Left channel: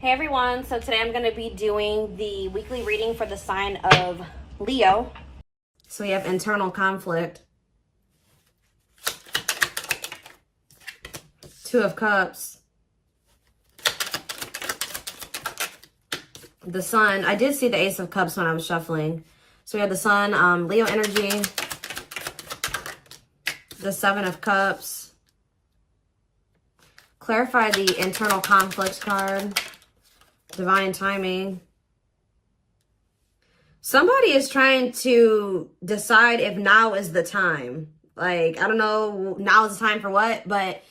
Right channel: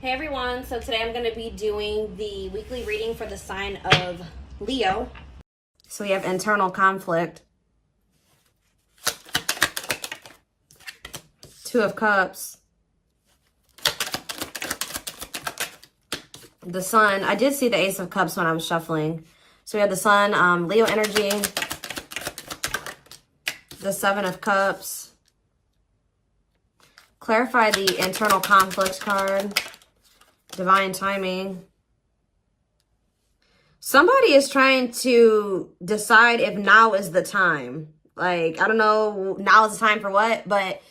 Hey everyone, so today I'm going to be doing the weekly reading for the sign of Leo. So we have internal conflict. Two of Cups. The Sun. I did see the Ace of Cups when I was shuffling. So we have the Sun, Leo energy. The Seven of Cups. Clarify the internal conflict card. Divine timing. Somebody is trying to decide if now is the time. Like, I don't know, now is the time for what, but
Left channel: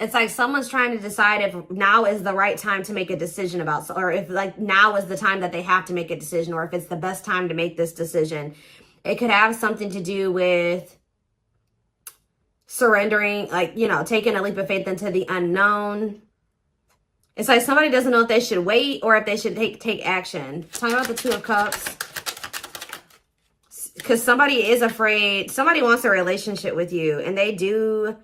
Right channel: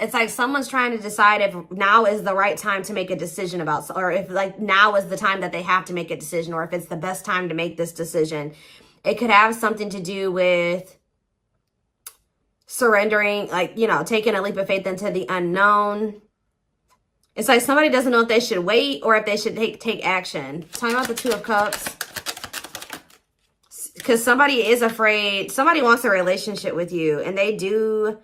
it's like someone's trying to decide if now is the right time to make a decision about, or if like now is the time that they have to make a decision, or if it's the best time to make this decision. It could have something to do with surrendering, like, you know, taking a leap of faith into the unknown. It's like somebody doesn't know if they should wait or if they should take action. Talking about the Two of Cups. Because somebody is afraid. Somebody wants a relationship with you. And they do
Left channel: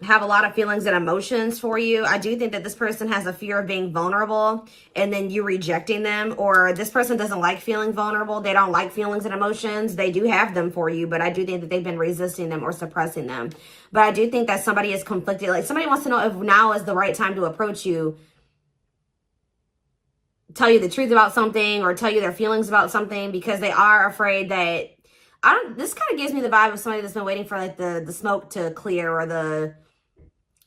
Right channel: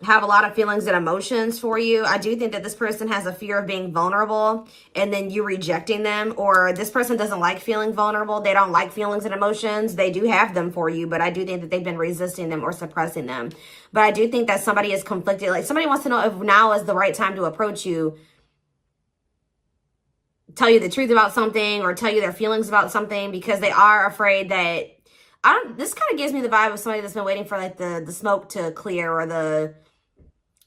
have a lot of feelings and emotions for you. I do think that this person has a fear of being vulnerable. And then you rejecting them. Or this person doesn't like feeling vulnerable. They don't like feelings and emotions. They do have them for you. But I do think that they've been resisting them or suppressing them. But I do think that somebody is conflicted. Like somebody wants to know if now is the right time to approach you. Tell you the truth about something or tell you their feelings about something, because they are afraid that, this kind of gives me the vibe of somebody that's been waiting for like the smoke to clear, or the,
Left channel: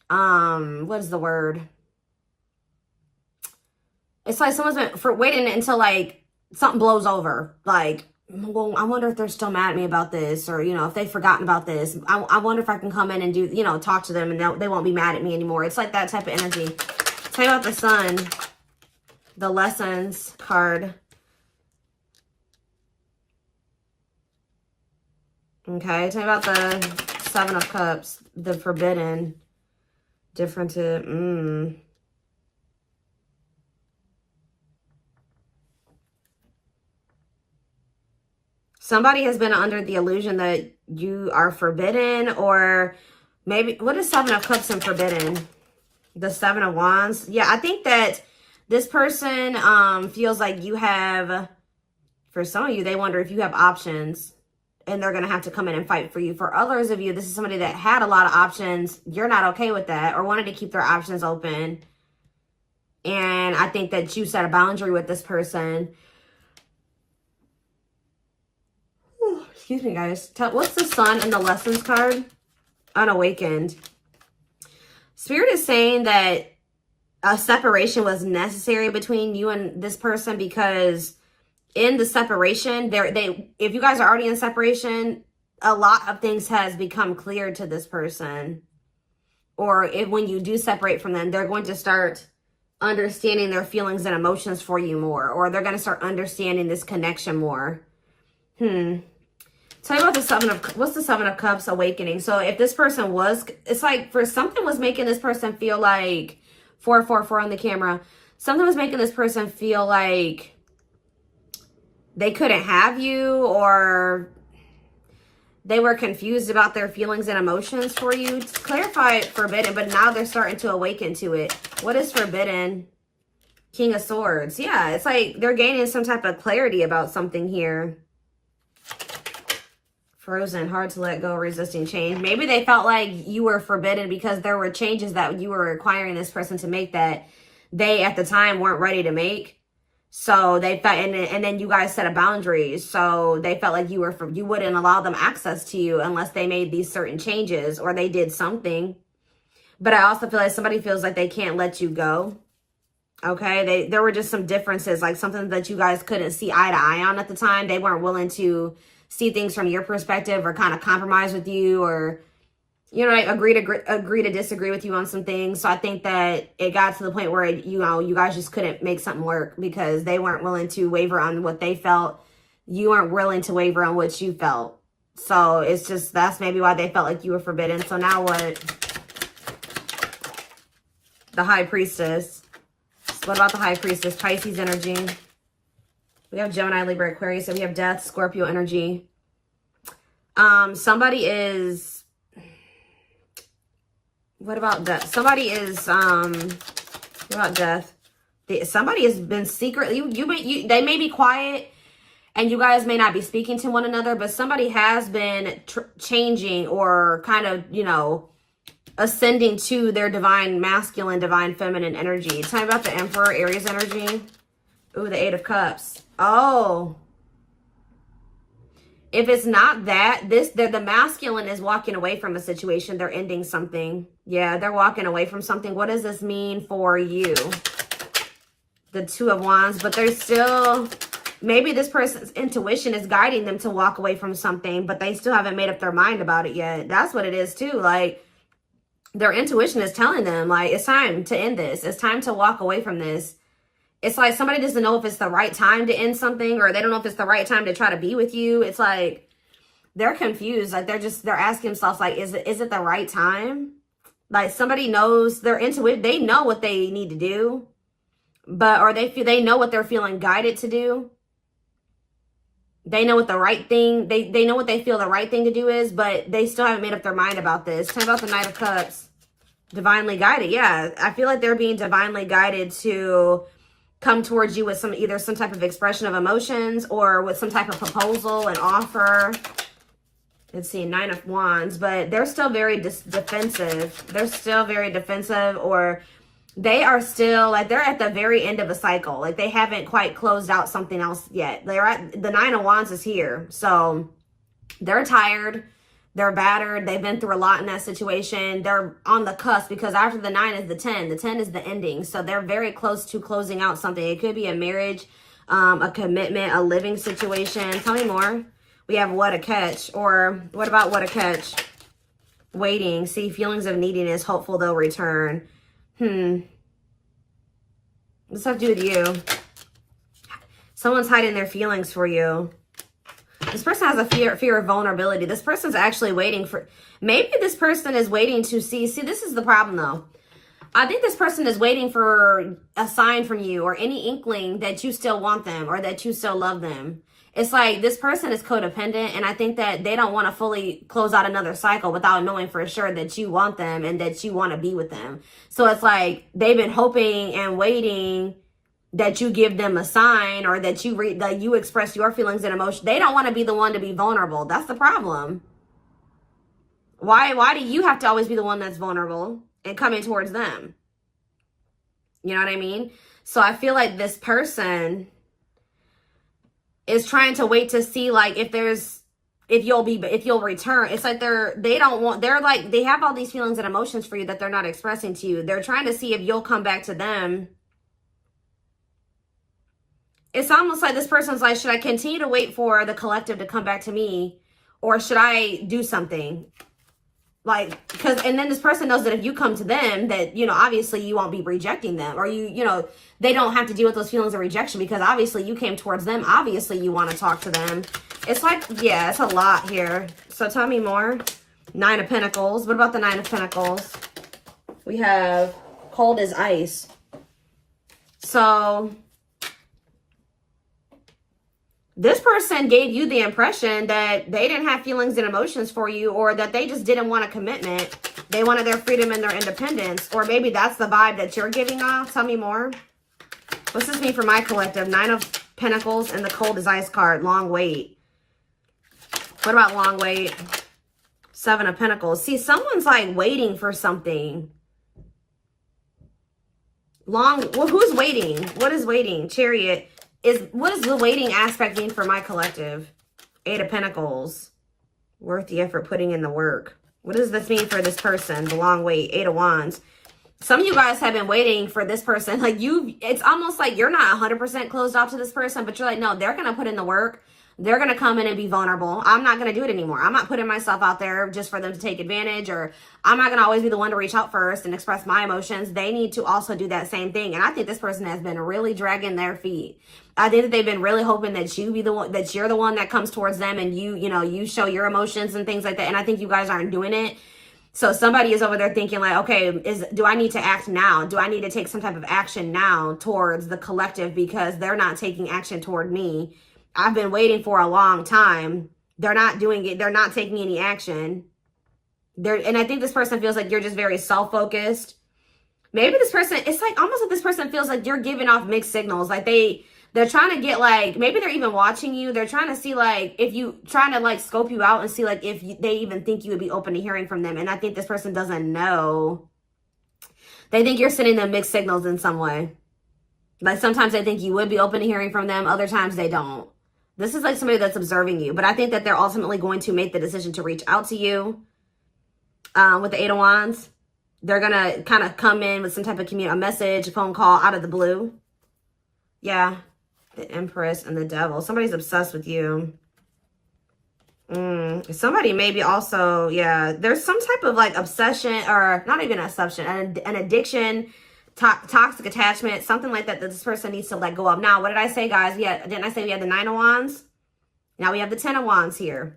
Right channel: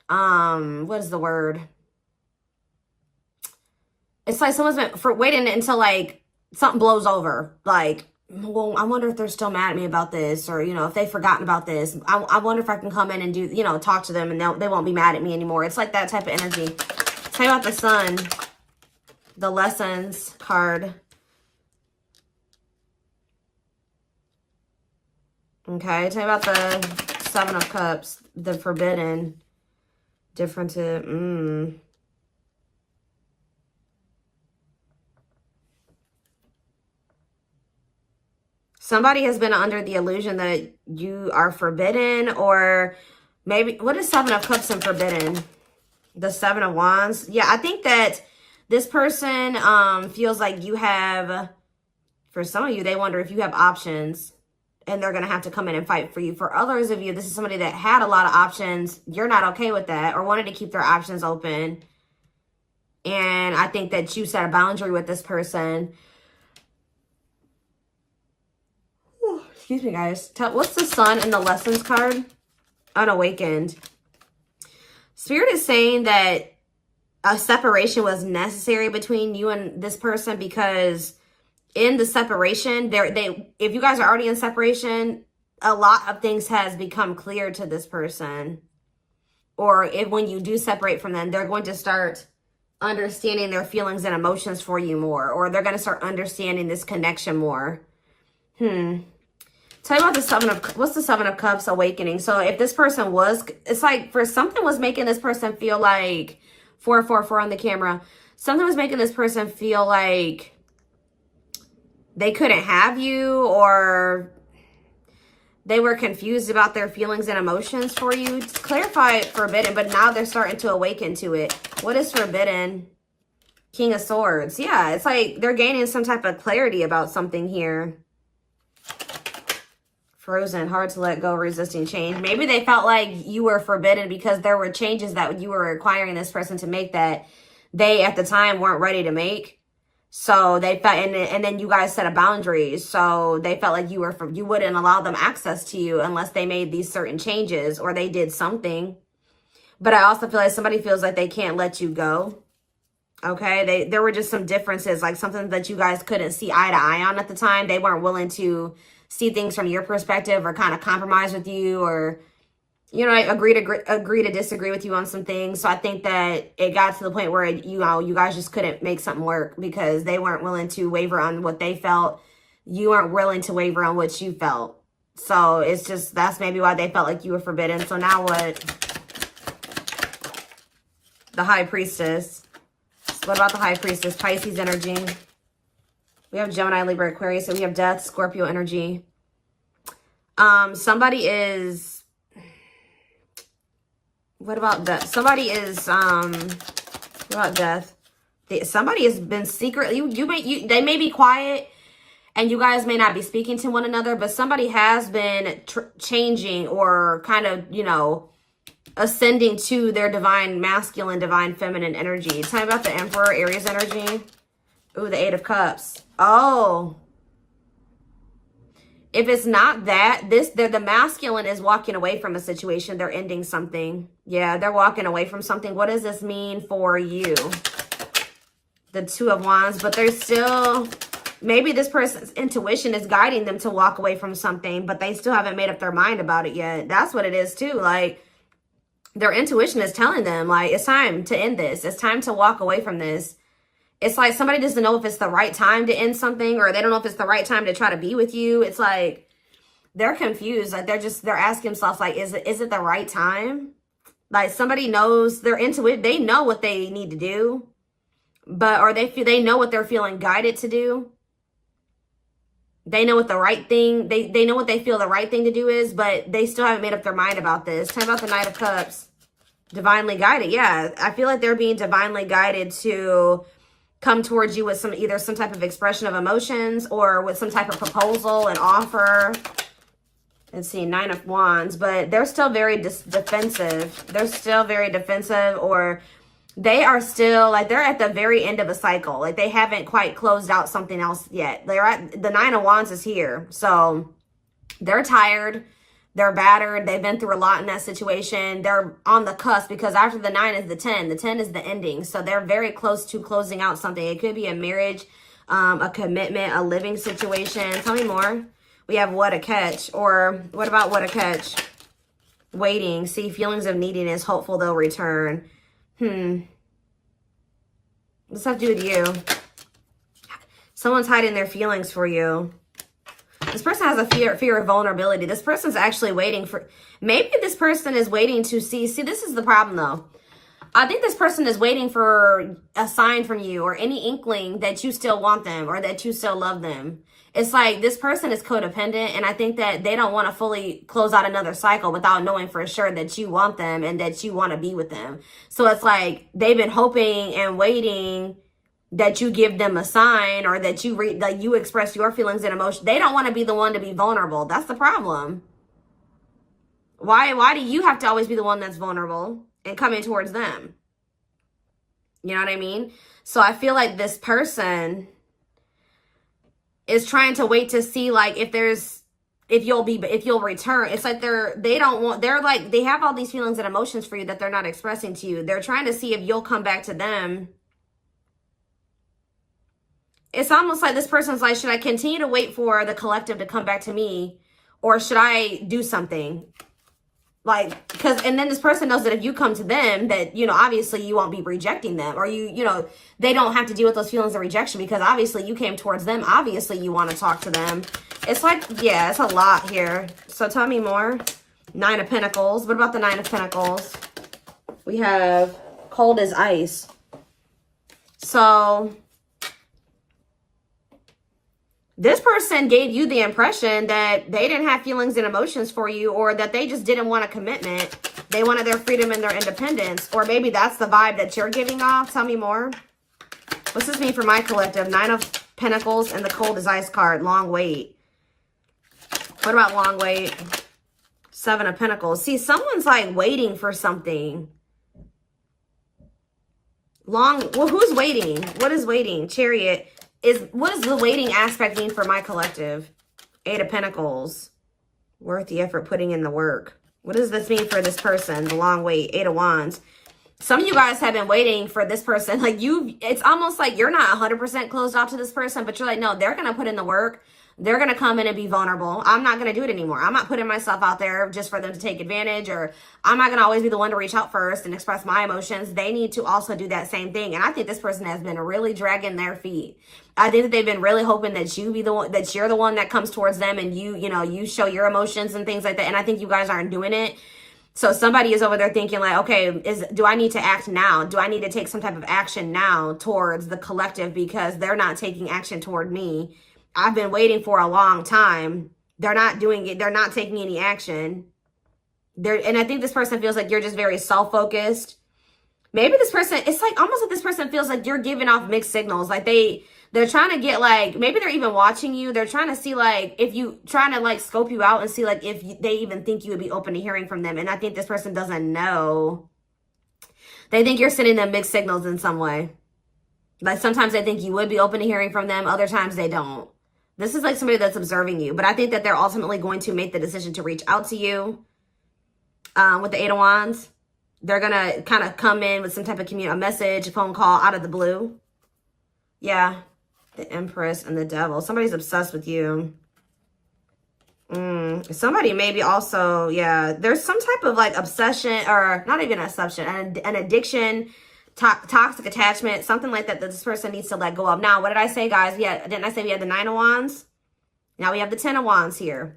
what is the word? It's like someone's been waiting until like something blows over. Like, well, I wonder if they're still mad at me about this, or, you know, if they've forgotten about this. I wonder if I can come in and do, you know, talk to them and they won't be mad at me anymore. It's like that type of energy. Tell me about the Sun. The Lessons card. Okay, tell me about the Seven of Cups. The Forbidden. Different. Somebody has been under the illusion that you are forbidden, or maybe, what is Seven of Cups and Forbidden? The Seven of Wands. Yeah, I think that this person feels like you have, for some of you, they wonder if you have options and they're going to have to come in and fight for you. For others of you, this is somebody that had a lot of options. You're not okay with that, or wanted to keep their options open. And I think that you set a boundary with this person. Excuse me, guys. What's the Sun and the Lessons card? Unawakened. Spirit is saying that a separation was necessary between you and this person, because in the separation, if you guys are already in separation, a lot of things has become clear to this person. Or when you do separate from them, they're going to start understanding their feelings and emotions for you more, or they're going to start understanding this connection more. Tell me about the Seven of, what's the Seven of Cups awakening? So if this person was, it's like for something was making this person feel like, 444 on the camera. Something was making this person feel like they couldn't have you, or they were confused about their feelings and emotions for you. Clarify Forbidden, but now they're starting to awaken to it. What is Forbidden? King of Swords. Yeah, it's like they're gaining some type of clarity about something here. Frozen, hard to let go, resisting change. Maybe they felt like you were forbidden because there were changes that you were requiring this person to make that they at the time weren't ready to make. So they felt, and then you guys set a boundary. So they felt like you wouldn't allow them access to you unless they made these certain changes or they did something. But I also feel like somebody feels like they can't let you go. Okay, there were just some differences, like something that you guys couldn't see eye to eye on at the time. They weren't willing to see things from your perspective, or kind of compromise with you, or, you know, agree to disagree with you on some things. So I think that it got to the point where, you know, you guys just couldn't make something work because they weren't willing to waver on what they felt. You weren't willing to waver on what you felt. So it's just, that's maybe why they felt like you were forbidden. So now what? The High Priestess. What about the High Priestess? Pisces energy. We have Gemini, Libra, Aquarius, and we have Death, Scorpio energy. Somebody is, what about Death? Somebody is, what about Death? Somebody has been secretly, they may be quiet and you guys may not be speaking to one another, but somebody has been changing or kind of, you know, ascending to their divine masculine, divine feminine energy. Talking about the Emperor, Aries energy. Ooh, the Eight of Cups. Oh. If it's not that, the masculine is walking away from a situation. They're ending something. Yeah, they're walking away from something. What does this mean for you? The Two of Wands, but they're still, maybe this person's intuition is guiding them to walk away from something, but they still haven't made up their mind about it yet. That's what it is too. Like, their intuition is telling them, like, it's time to end this. It's time to walk away from this. It's like somebody doesn't know if it's the right time to end something, or they don't know if it's the right time to try to be with you. It's like, they're confused. Like, they're asking themselves, like, is it the right time? Like, somebody knows, their intuition, they know what they need to do. But, or they know what they're feeling guided to do. They know what the right thing, they know what they feel the right thing to do is, but they still haven't made up their mind about this. Talk about the Knight of Cups. Divinely guided. Yeah, I feel like they're being divinely guided to come towards you with either some type of expression of emotions or with some type of proposal, an offer. Let's see, Nine of Wands, but they're still very defensive. They're still very defensive, or they are still, like, they're at the very end of a cycle. Like, they haven't quite closed out something else yet. They're at, the Nine of Wands is here. So they're tired. They're battered. They've been through a lot in that situation. They're on the cusp, because after the 9 is the 10. The 10 is the ending. So they're very close to closing out something. It could be a marriage, a commitment, a living situation. Tell me more. We have What a Catch. Or what about What a Catch? Waiting. See, feelings of neediness. Hopeful they'll return. What's that do with you? Someone's hiding their feelings for you. This person has a fear of vulnerability. This person's actually waiting for, maybe this person is waiting to see this is the problem though. I think this person is waiting for a sign from you or any inkling that you still want them or that you still love them. It's like this person is codependent, and I think that they don't want to fully close out another cycle without knowing for sure that you want them and that you want to be with them. So it's like they've been hoping and waiting that you give them a sign, or that you express your feelings and emotions. They don't want to be the one to be vulnerable. That's the problem. Why do you have to always be the one that's vulnerable and coming towards them? You know what I mean? So I feel like this person is trying to wait to see, like, if you'll return. It's like they have all these feelings and emotions for you that they're not expressing to you. They're trying to see if you'll come back to them. It's almost like this person's like, should I continue to wait for the collective to come back to me, or should I do something? Like, and then this person knows that if you come to them, that, you know, obviously you won't be rejecting them, or you know, they don't have to deal with those feelings of rejection because obviously you came towards them. Obviously you want to talk to them. It's like, yeah, it's a lot here. So tell me more. Nine of Pentacles. What about the Nine of Pentacles? We have cold as ice. So this person gave you the impression that they didn't have feelings and emotions for you, or that they just didn't want a commitment. They wanted their freedom and their independence. Or maybe that's the vibe that you're giving off. Tell me more. What's this mean for my collective? Nine of Pentacles and the cold as ice card. Long wait. What about long wait? Seven of Pentacles. See, someone's like waiting for something. Well, who's waiting? What is waiting? Chariot. What does the waiting aspect mean for my collective? Eight of Pentacles. Worth the effort, putting in the work. What does this mean for this person? The long wait. Eight of Wands. Some of you guys have been waiting for this person. Like it's almost like you're not 100% closed off to this person, but you're like, no, they're going to put in the work. They're going to come in and be vulnerable. I'm not going to do it anymore. I'm not putting myself out there just for them to take advantage, or I'm not going to always be the one to reach out first and express my emotions. They need to also do that same thing. And I think this person has been really dragging their feet. I think that they've been really hoping that you're the one that comes towards them, and you show your emotions and things like that. And I think you guys aren't doing it. So somebody is over there thinking like, okay, do I need to act now? Do I need to take some type of action now towards the collective, because they're not taking action toward me? I've been waiting for a long time. They're not doing it. They're not taking any action. And I think this person feels like you're just very self-focused. Maybe this person, it's like almost like this person feels like you're giving off mixed signals. Like they're trying to get like, maybe they're even watching you. They're trying to see like, if you, trying to like scope you out and see like if they even think you would be open to hearing from them. And I think this person doesn't know. They think you're sending them mixed signals in some way. Like sometimes they think you would be open to hearing from them. Other times they don't. This is like somebody that's observing you. But I think that they're ultimately going to make the decision to reach out to you. With the Eight of Wands. They're going to kind of come in with some type of a message, a phone call out of the blue. Yeah. The Empress and the Devil. Somebody's obsessed with you. Somebody maybe also, yeah. There's some type of like obsession, or not even obsession, an addiction, toxic attachment, something like that this person needs to let go of. Now, what did I say, guys? Didn't I say we had the Nine of Wands? Now we have the Ten of Wands here.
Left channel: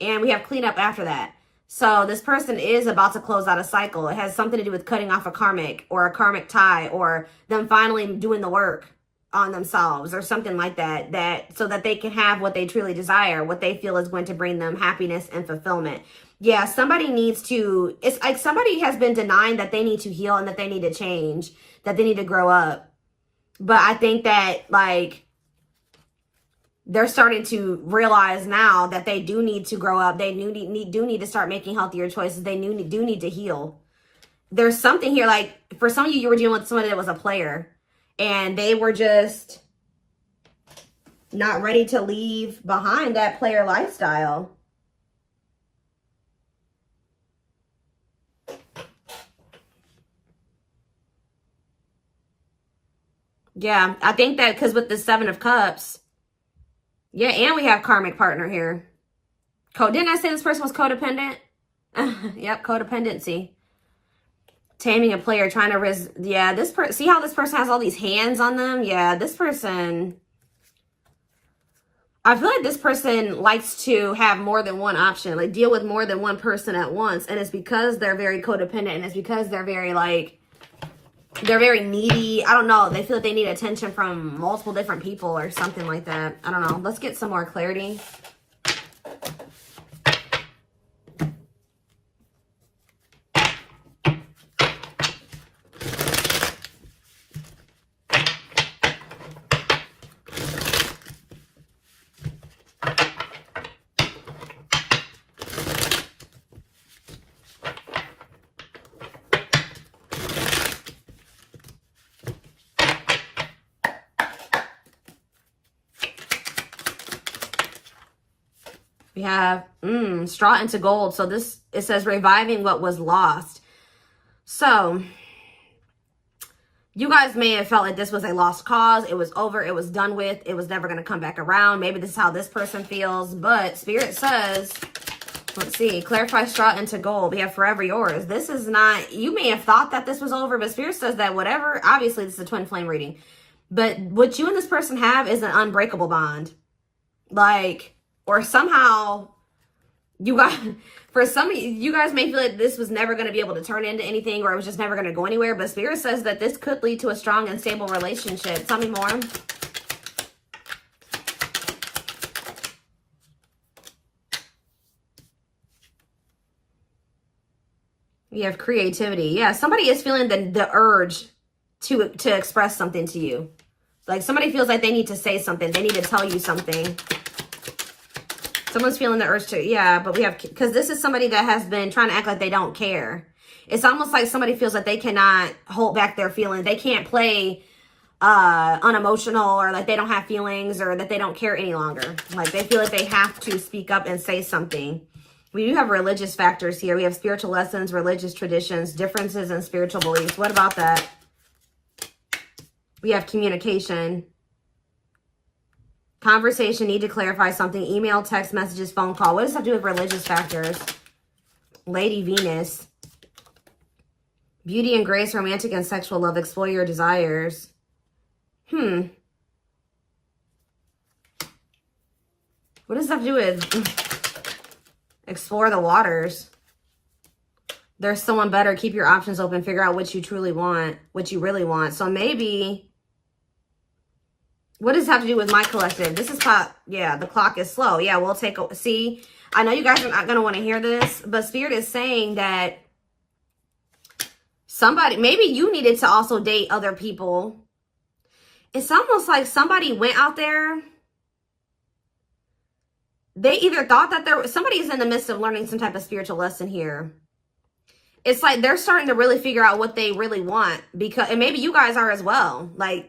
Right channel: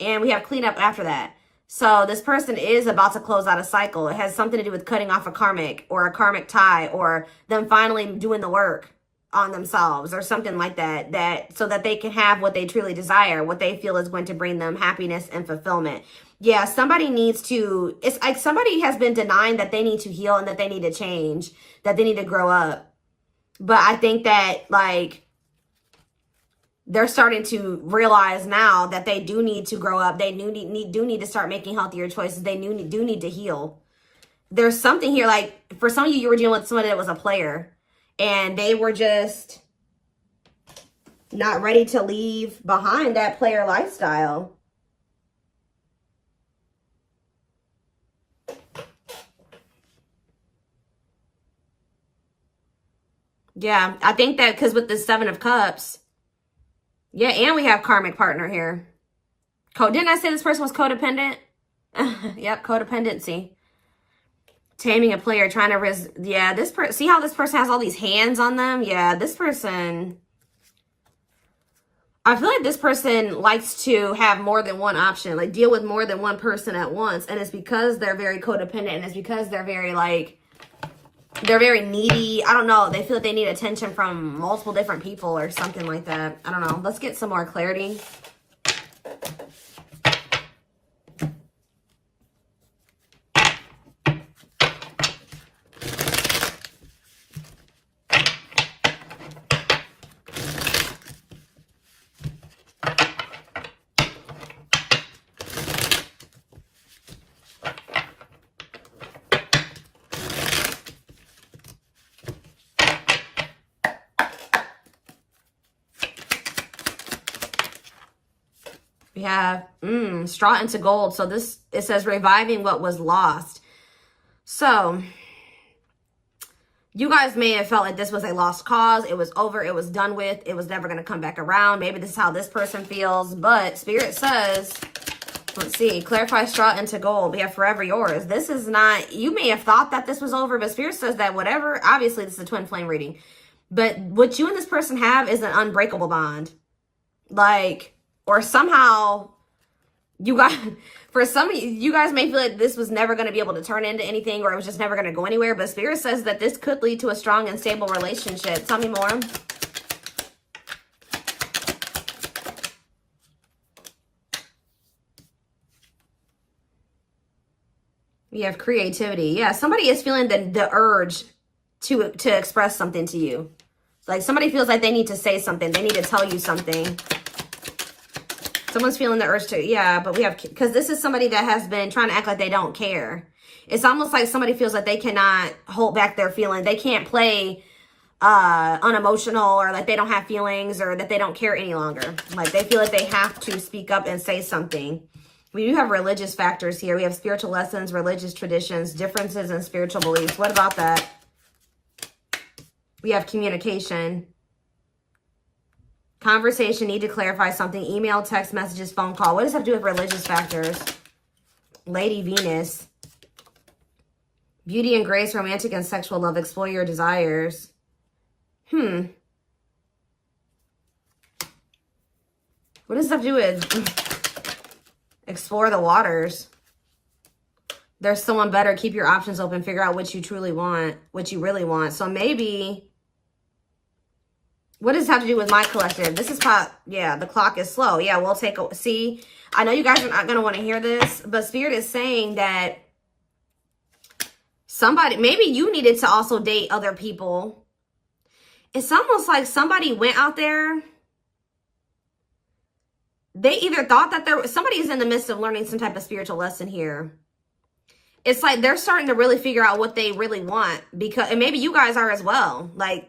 And we have cleanup after that. So this person is about to close out a cycle. It has something to do with cutting off a karmic or a karmic tie, or them finally doing the work on themselves or something like that, so that they can have what they truly desire, what they feel is going to bring them happiness and fulfillment. Yeah, somebody needs to, it's like somebody has been denying that they need to heal and that they need to change, that they need to grow up. But I think that like, they're starting to realize now that they do need to grow up. They do need to start making healthier choices. They do need to heal. There's something here, like for some of you, you were dealing with somebody that was a player and they were just not ready to leave behind that player lifestyle. Yeah, I think that because with the Seven of Cups, yeah, and we have karmic partner here. Didn't I say this person was codependent? Yep, codependency. Taming a player, trying to yeah, this person, see how this person has all these hands on them? Yeah, this person, I feel like this person likes to have more than one option, like deal with more than one person at once. And it's because they're very codependent, and it's because they're very like, they're very needy. I don't know. They feel like they need attention from multiple different people or something like that. I don't know. Let's get some more clarity. We have straw into gold. So this, it says reviving what was lost. So you guys may have felt like this was a lost cause. It was over. It was done with. It was never going to come back around. Maybe this is how this person feels. But Spirit says, let's see, clarify straw into gold. We have forever yours. This is not, you may have thought that this was over, but Spirit says that whatever, obviously this is a twin flame reading. But what you and this person have is an unbreakable bond. Like, or somehow you guys, for some of you guys may feel like this was never going to be able to turn into anything, or it was just never going to go anywhere. But Spirit says that this could lead to a strong and stable relationship. Tell me more. We have creativity. Yeah, somebody is feeling the urge to express something to you. Like somebody feels like they need to say something. They need to tell you something. Someone's feeling the urge to, yeah, but we have, because this is somebody that has been trying to act like they don't care. It's almost like somebody feels like they cannot hold back their feelings. They can't play unemotional, or like they don't have feelings, or that they don't care any longer. Like they feel like they have to speak up and say something. We do have religious factors here. We have spiritual lessons, religious traditions, differences in spiritual beliefs. What about that? We have communication. Conversation, need to clarify something. Email, text messages, phone call. What does that do with religious factors? Lady Venus. Beauty and grace, romantic and sexual love. Explore your desires. What does that do with explore the waters? There's someone better. Keep your options open. Figure out what you truly want, what you really want. So maybe, what does this have to do with my collective? This is how, yeah, the clock is slow. Yeah, we'll take a, see, I know you guys are not going to want to hear this, but Spirit is saying that Somebody, maybe you needed to also date other people. It's almost like somebody went out there. They either thought that somebody is in the midst of learning some type of spiritual lesson here. It's like they're starting to really figure out what they really want, because, and maybe you guys are as well. Like,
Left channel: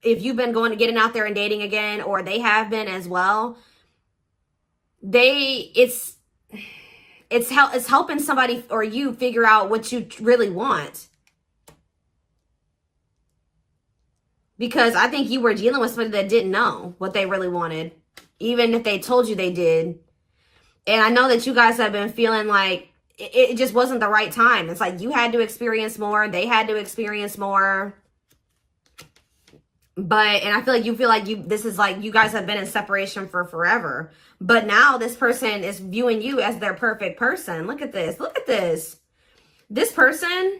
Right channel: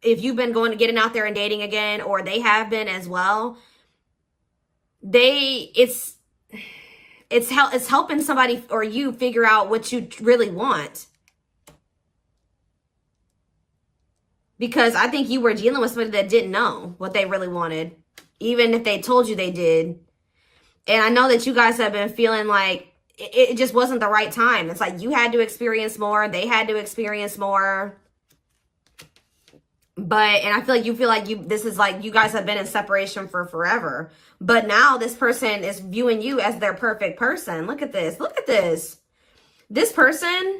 if you've been getting out there and dating again, or they have been as well, it's helping somebody or you figure out what you really want. Because I think you were dealing with somebody that didn't know what they really wanted, even if they told you they did. And I know that you guys have been feeling like it just wasn't the right time. It's like you had to experience more, they had to experience more. And I feel like this is like you guys have been in separation for forever. But now this person is viewing you as their perfect person. Look at this. Look at this. This person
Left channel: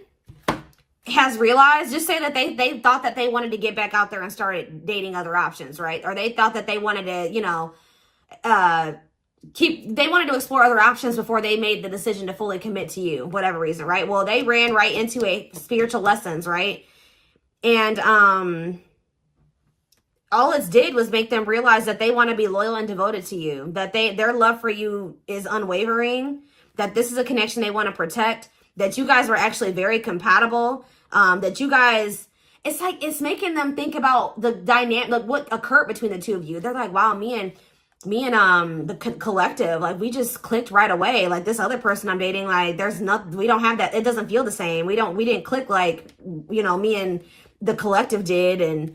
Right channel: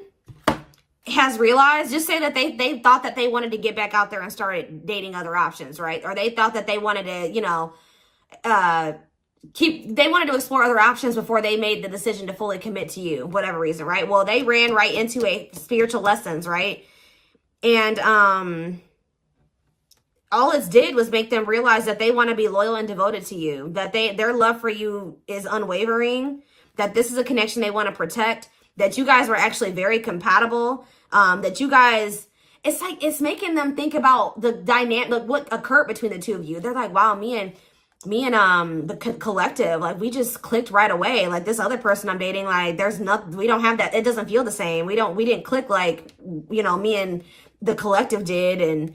has realized, just say that they thought that they wanted to get back out there and started dating other options, right? Or they thought that they wanted to, you know, they wanted to explore other options before they made the decision to fully commit to you, whatever reason, right? Well, they ran right into a spiritual lessons, right? And all it did was make them realize that they want to be loyal and devoted to you, that their love for you is unwavering, that this is a connection they want to protect, that you guys were actually very compatible, that you guys, it's like, it's making them think about the dynamic, like what occurred between the two of you. They're like, wow, me and the collective, like, we just clicked right away. Like, this other person I'm dating, like, there's nothing, we don't have that, it doesn't feel the same. We didn't click like, you know, me and the collective did. And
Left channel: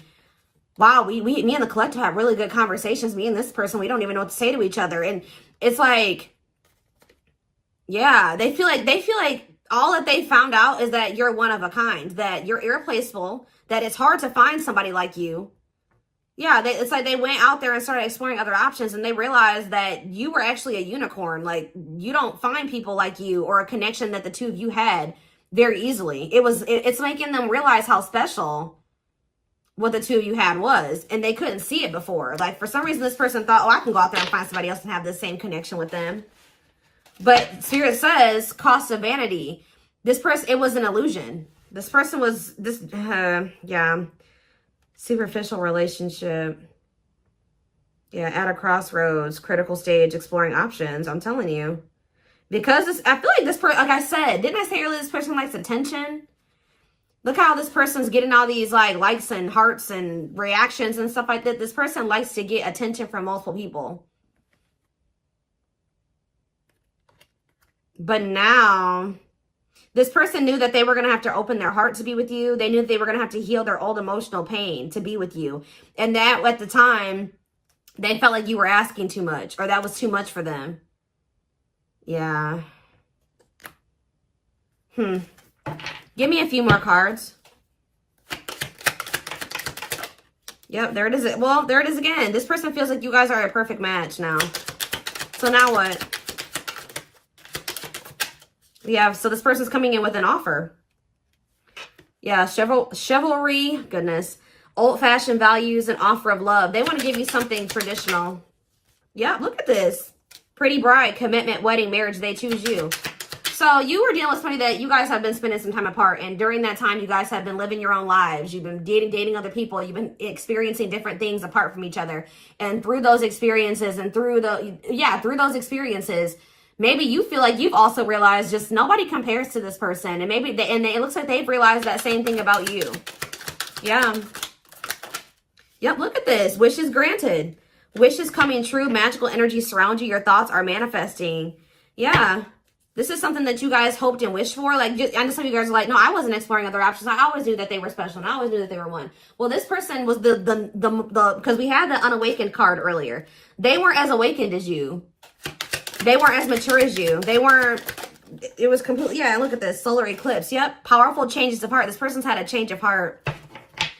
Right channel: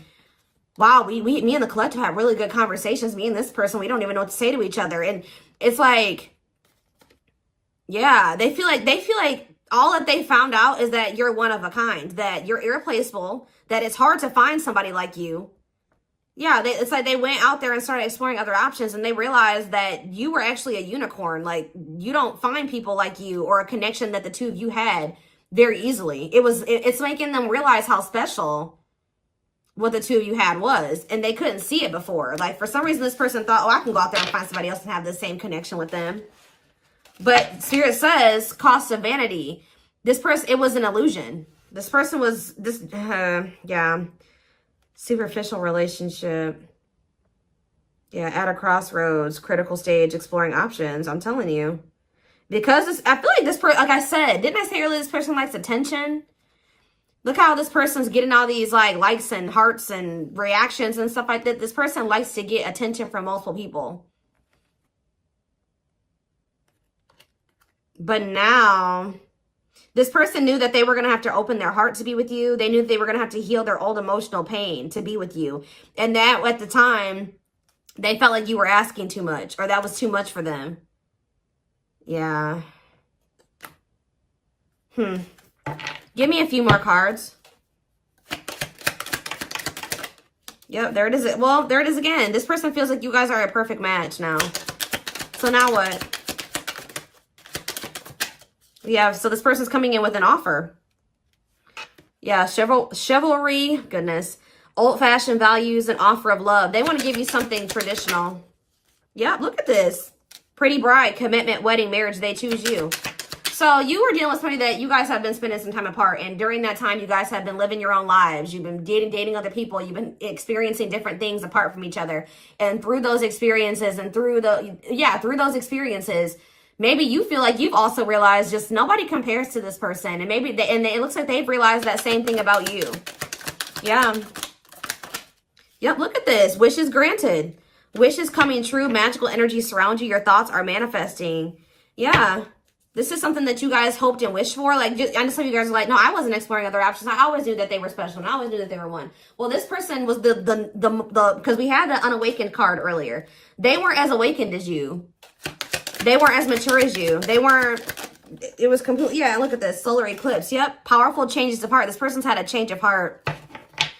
wow, me and the collective have really good conversations. Me and this person, we don't even know what to say to each other. And it's like, yeah, they feel like all that they found out is that you're one of a kind, that you're irreplaceable, that it's hard to find somebody like you. Yeah, it's like they went out there and started exploring other options, and they realized that you were actually a unicorn. Like, you don't find people like you or a connection that the two of you had very easily. It's making them realize how special what the two of you had was, and they couldn't see it before. Like, for some reason, this person thought, oh, I can go out there and find somebody else and have the same connection with them. But Spirit says, cost of vanity. This person, it was an illusion. This person was, yeah, superficial relationship. Yeah, at a crossroads, critical stage, exploring options. I'm telling you. Because I feel like this person, like I said, didn't I say earlier, this person likes attention? Look how this person's getting all these like likes and hearts and reactions and stuff like that. This person likes to get attention from multiple people. But now, this person knew that they were going to have to open their heart to be with you. They knew that they were going to have to heal their old emotional pain to be with you. And that, at the time, they felt like you were asking too much, or that was too much for them. Yeah. Give me a few more cards. Yep, there it is. Well, there it is again. This person feels like you guys are a perfect match now. So now what? Yeah, so this person's coming in with an offer. Yeah, chivalry, goodness. Old-fashioned values and offer of love. They want to give you something traditional. Yeah, look at this. Pretty bride, commitment, wedding, marriage, they choose you. So you were dealing with somebody that you guys have been spending some time apart. And during that time, you guys have been living your own lives. You've been dating other people. You've been experiencing different things apart from each other. And through those experiences and through those experiences, maybe you feel like you've also realized just nobody compares to this person. And maybe it looks like they've realized that same thing about you. Yeah. Yep, look at this. Wishes granted. Wishes coming true. Magical energy surround you. Your thoughts are manifesting. Yeah. This is something that you guys hoped and wished for. Like, I know some of you guys are like, no, I wasn't exploring other options. I always knew that they were special, and I always knew that they were one. Well, this person was because we had the unawakened card earlier. They weren't as awakened as you. They weren't as mature as you. They weren't, it was complete. Yeah, look at this. Solar eclipse. Yep. Powerful changes of heart. This person's had a change of heart.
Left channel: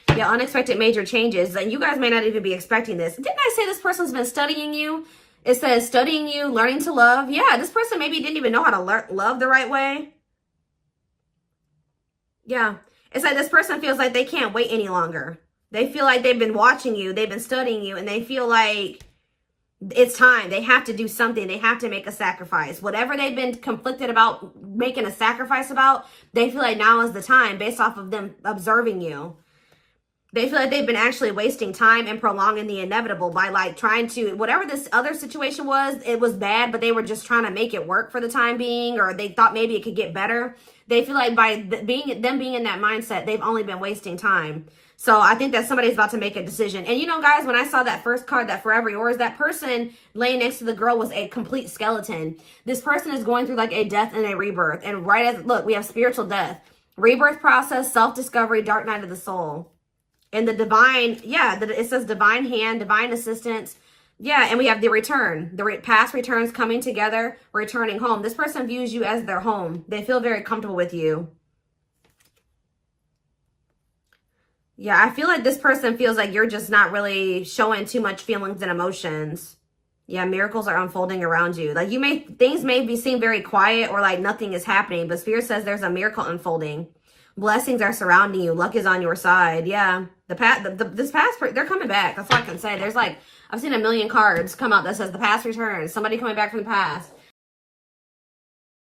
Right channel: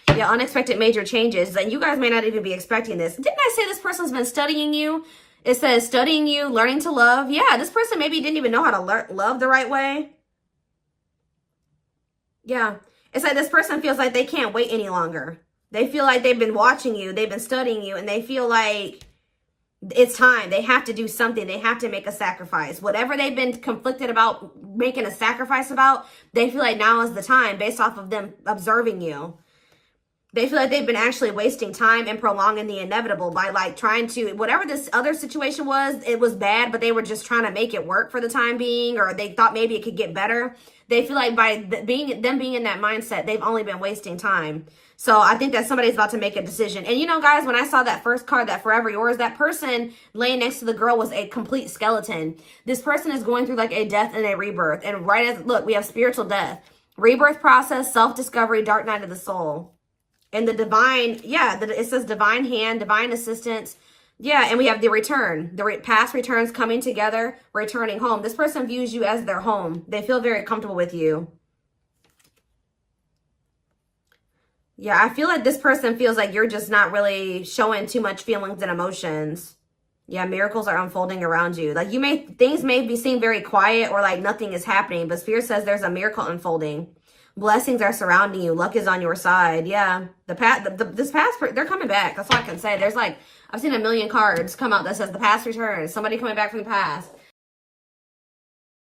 Yeah, unexpected major changes. And you guys may not even be expecting this. Didn't I say this person's been studying you? It says studying you, learning to love. Yeah, this person maybe didn't even know how to love the right way. Yeah. It's like this person feels like they can't wait any longer. They feel like they've been watching you. They've been studying you. And they feel like It's time. They have to do something. They have to make a sacrifice. Whatever they've been conflicted about making a sacrifice about, they feel like now is the time based off of them observing you. They feel like they've been actually wasting time and prolonging the inevitable by like trying to, whatever this other situation was, it was bad, but they were just trying to make it work for the time being, or they thought maybe it could get better. They feel like by being in that mindset, they've only been wasting time. So I think that somebody's about to make a decision. And you know, guys, when I saw that first card, that Forever Yours, that person laying next to the girl was a complete skeleton. This person is going through like a death and a rebirth. And right as, look, we have spiritual death, rebirth process, self-discovery, dark night of the soul. And the divine, yeah, it says divine hand, divine assistance. Yeah, and we have the return. The past returns coming together, returning home. This person views you as their home. They feel very comfortable with you. Yeah, I feel like this person feels like you're just not really showing too much feelings and emotions. Yeah, miracles are unfolding around you. Like things may seem very quiet or like nothing is happening, but Spirit says there's a miracle unfolding. Blessings are surrounding you. Luck is on your side. Yeah. This past, they're coming back. That's all I can say. There's like, I've seen a million cards come out that says the past returns. Somebody coming back from the past.